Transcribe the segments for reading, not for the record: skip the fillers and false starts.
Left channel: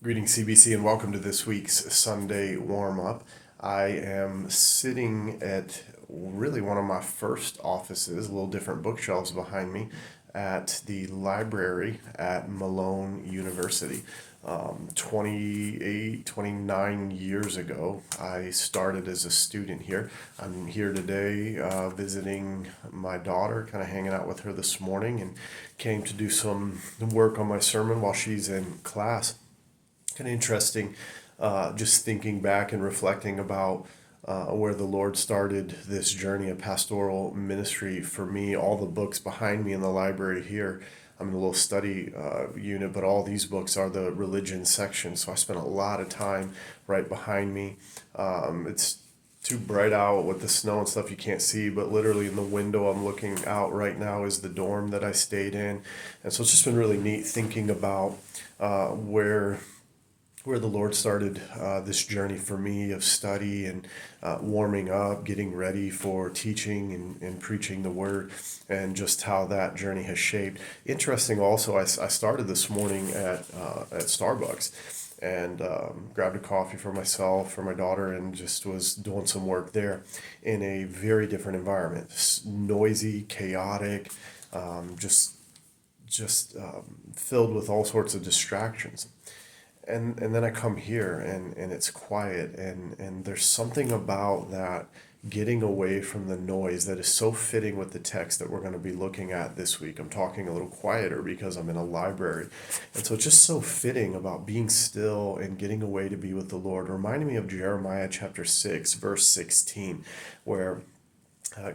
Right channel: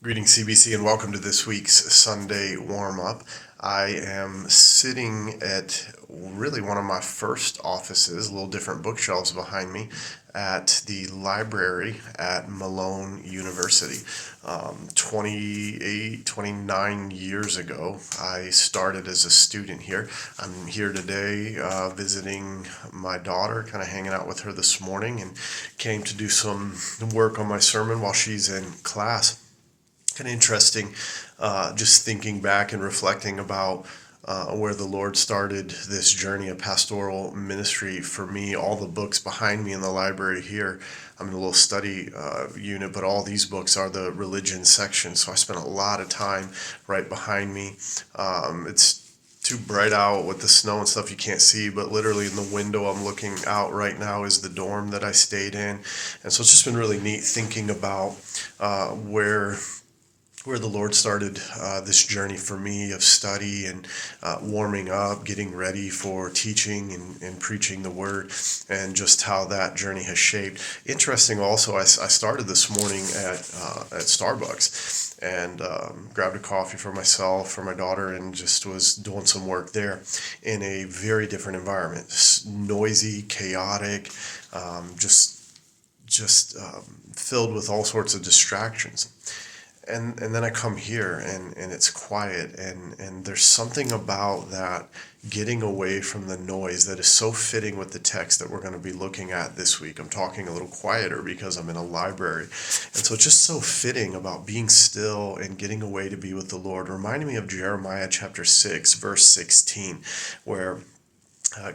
Greetings, CBC, and welcome to this week's Sunday warm-up. I am sitting at really one of my first offices, a little different bookshelves behind me, at the library at Malone University. 29 years ago, I started as a student here. I'm here today visiting my daughter, kind of hanging out with her this morning, and came to do some work on my sermon while she's in class. Kind of interesting, just thinking back and reflecting about where the Lord started this journey of pastoral ministry for me. All the books behind me in the library here, I'm in a little study unit, but all these books are the religion section. So I spent a lot of time right behind me. It's too bright out with the snow and stuff, you can't see, but literally in the window I'm looking out right now is the dorm that I stayed in. And so it's just been really neat thinking about where the Lord started this journey for me of study and warming up, getting ready for teaching and preaching the word, and just how that journey has shaped. Interesting also, I started this morning at Starbucks and grabbed a coffee for myself, for my daughter, and just was doing some work there in a very different environment. Noisy, chaotic, filled with all sorts of distractions. And then I come here and it's quiet and there's something about that getting away from the noise that is so fitting with the text that we're going to be looking at this week. I'm talking a little quieter because I'm in a library. And so it's just so fitting about being still and getting away to be with the Lord. Reminding me of Jeremiah chapter 6, verse 16, where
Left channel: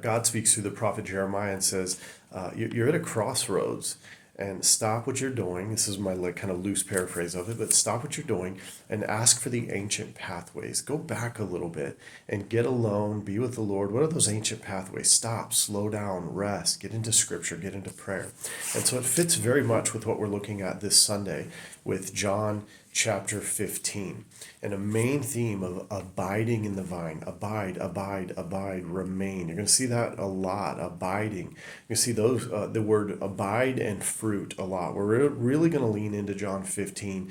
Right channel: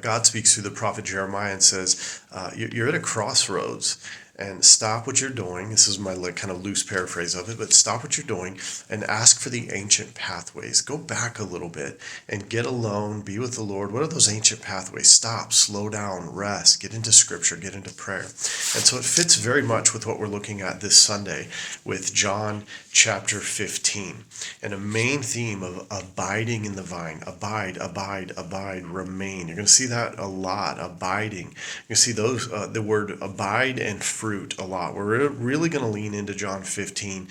God speaks through the prophet Jeremiah and says, you're at a crossroads, and stop what you're doing. This is my kind of loose paraphrase of it, but stop what you're doing and ask for the ancient pathways. Go back a little bit and get alone, be with the Lord. What are those ancient pathways? Stop, slow down, rest, get into scripture, get into prayer. And so it fits very much with what we're looking at this Sunday with John chapter 15, and a main theme of abiding in the vine. Abide, abide, abide, remain. You're going to see that a lot, abiding. You see those the word abide and fruit a lot. We're really going to lean into John 15,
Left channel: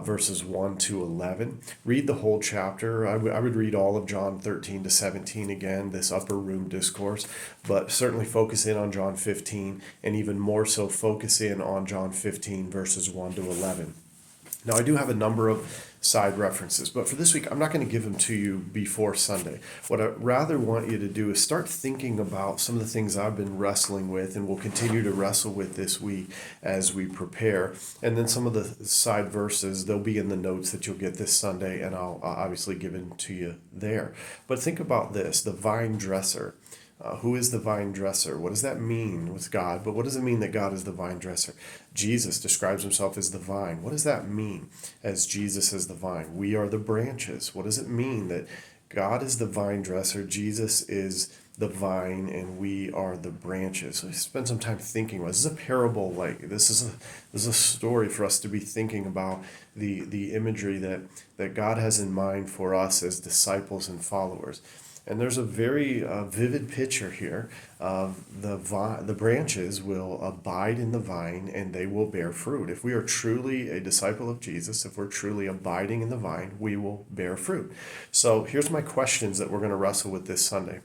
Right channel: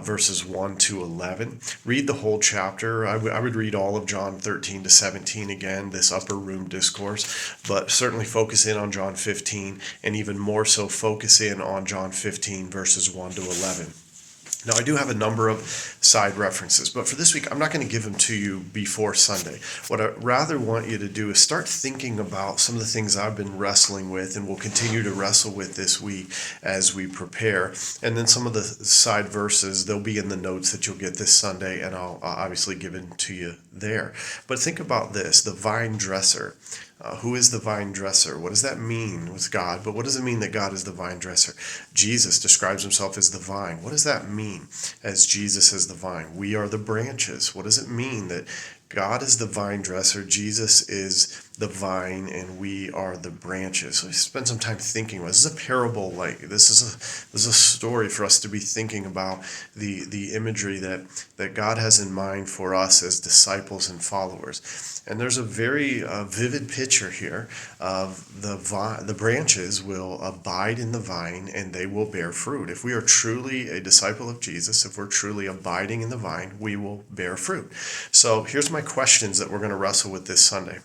verses 1 to 11. Read the whole chapter. I would read all of John 13 to 17 again, this upper room discourse, but certainly focus in on John 15, and even more so focus in on John 15, verses 1 to 11. Now, I do have a number of side references, but for this week, I'm not going to give them to you before Sunday. What I rather want you to do is start thinking about some of the things I've been wrestling with and will continue to wrestle with this week as we prepare. And then some of the side verses, they'll be in the notes that you'll get this Sunday, and I'll obviously give them to you there. But think about this, the vine dresser. Who is the vine dresser? What does that mean with God? But what does it mean that God is the vine dresser? Jesus describes himself as the vine. What does that mean as Jesus is the vine? We are the branches. What does it mean that God is the vine dresser, Jesus is the vine, and we are the branches? So spend some time thinking about this. Is a parable, like this is a story for us to be thinking about the imagery that God has in mind for us as disciples and followers. And there's a very vivid picture here of the branches will abide in the vine and they will bear fruit. If we are truly a disciple of Jesus, if we're truly abiding in the vine, we will bear fruit. So here's my questions that we're going to wrestle with this Sunday.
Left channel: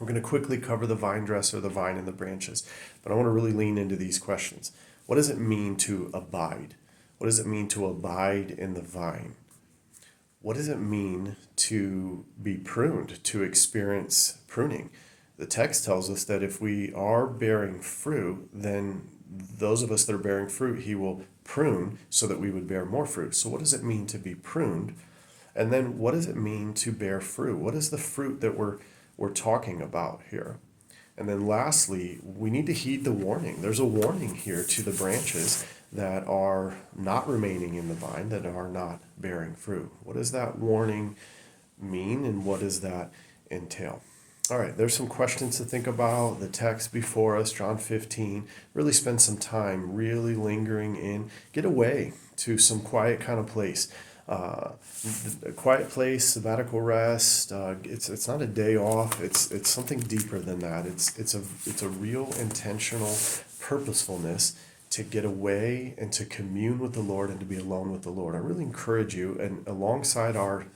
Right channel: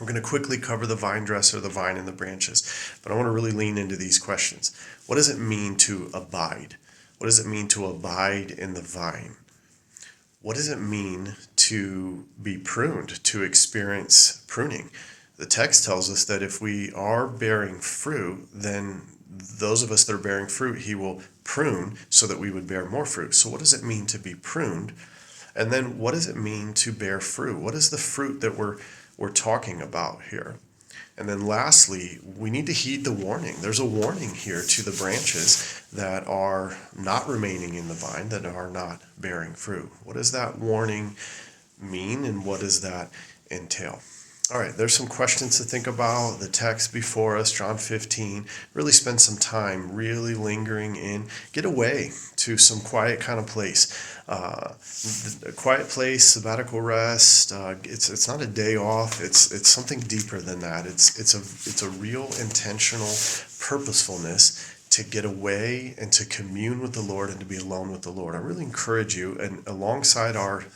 We're going to quickly cover the vine dresser, the vine, and the branches, but I want to really lean into these questions. What does it mean to abide? What does it mean to abide in the vine? What does it mean to be pruned, to experience pruning? The text tells us that if we are bearing fruit, then those of us that are bearing fruit, he will prune so that we would bear more fruit. So what does it mean to be pruned? And then what does it mean to bear fruit? What is the fruit that we're talking about here? And then lastly, we need to heed the warning. There's a warning here to the branches that are not remaining in the vine, that are not bearing fruit. What does that warning mean, and what does that entail? All right, there's some questions to think about. The text before us, John 15, really spend some time really lingering in. Get away to some quiet kind of place. A quiet place, sabbatical rest. It's not a day off. It's something deeper than that. It's a real intentional purposefulness to get away and to commune with the Lord and to be alone with the Lord. I really encourage you, and alongside our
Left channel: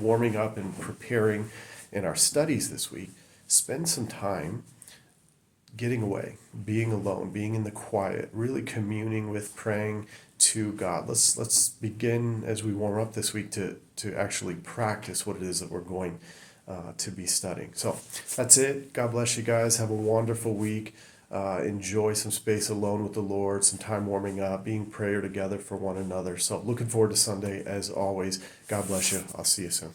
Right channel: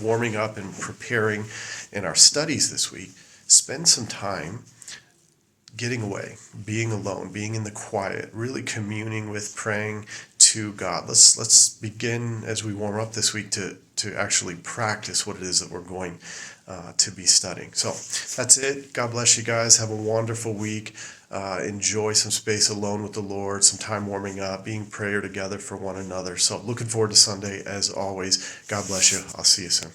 warming up and preparing in our studies this week, spend some time getting away, being alone, being in the quiet, really communing with, praying to God. Let's begin as we warm up this week to actually practice what it is that we're going to be studying. So that's it. God bless you guys. Have a wonderful week. Enjoy some space alone with the Lord, some time warming up, being prayer together for one another. So looking forward to Sunday as always. God bless you. I'll see you soon.